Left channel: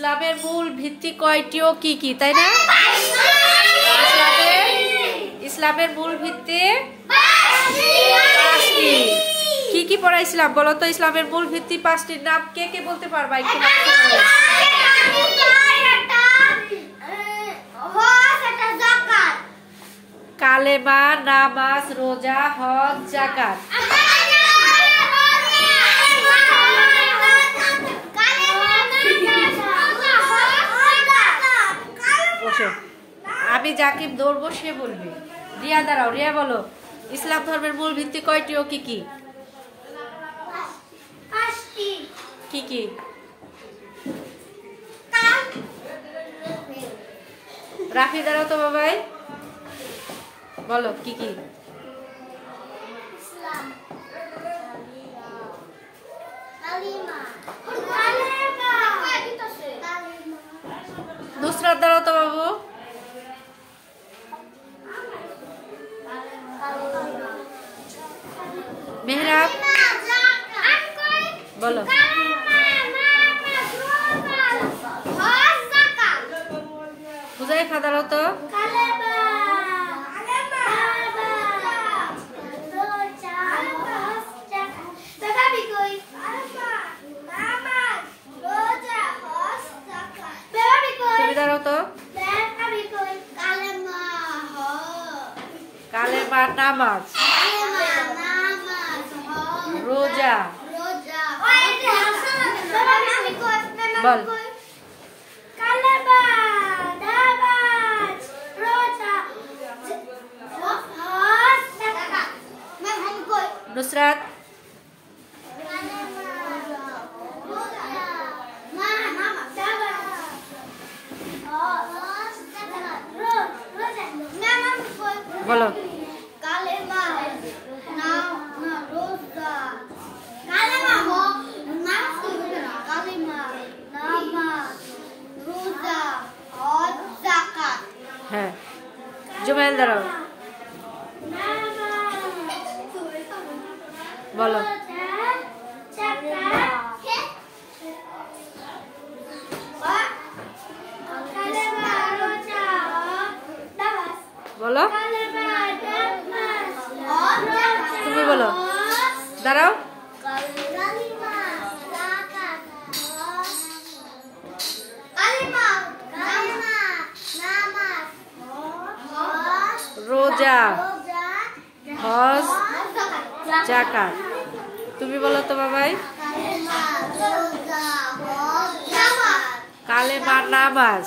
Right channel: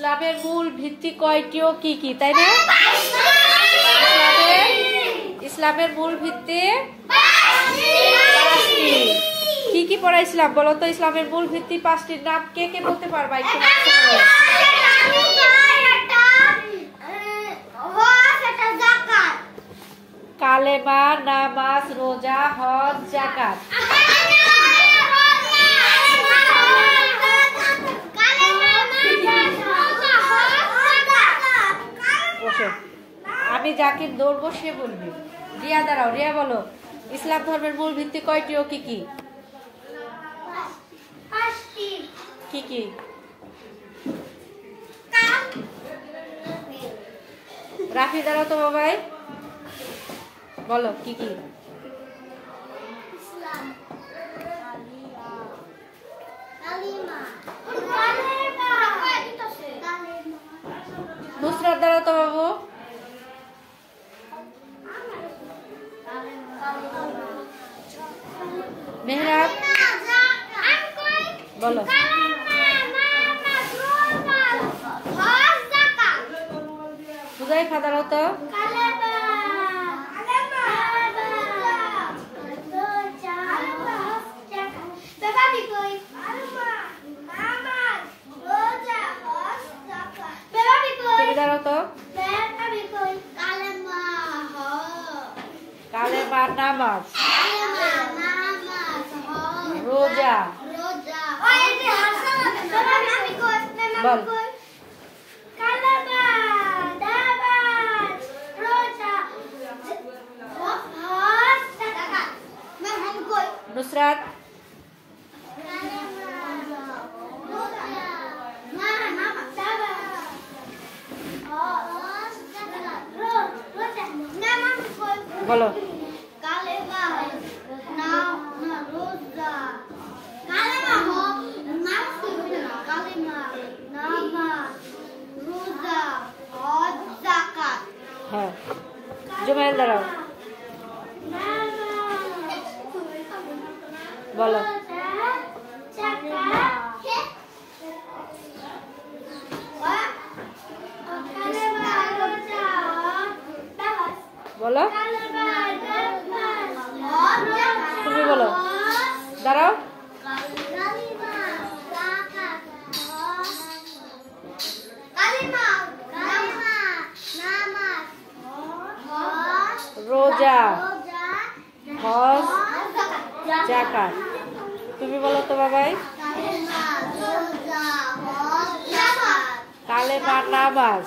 ইসলামের মূল ভিত্তি কয়টি ও কি কি, তাই না? ইসলামের মূল ভিত্তি পাঁচটি। কি কি পড়াইছিলাম বলো তো? ইসলামের মূল ভিত্তি পাঁচটির নাম কে কে বলতে পারবা? একটু কালেমা, নামাজ, রোজা, হজ, যাকাত। আমি যাকে ধরবো সে বলবে। রিয়া দাঁড়াও, রিয়া বলো ইসলাম ধর্মের মূল ভিত্তি কয়টি ও কি কি? কি কি? রাফি দাঁড়াও তো বাবাই, বলো কি কি? নুসরাত দাঁড়াও তো বাবু, মেহরাব বলো। হুজাইফা দাঁড়াও তো। দাঁড়াও তো। কালেমা, নামাজ, রোজা, বল। নুসরাত বলো। কালেমা, নামাজ, রোজা, হজ, যাকাত। হ্যাঁ, জুমাইল দাঁড়াও, বলো। বলো, তুমি বলো, দাঁড়াও। রোজা, হজ, যাকাত। তুমি বলো তো বাবাই। কালেমা, নামাজ,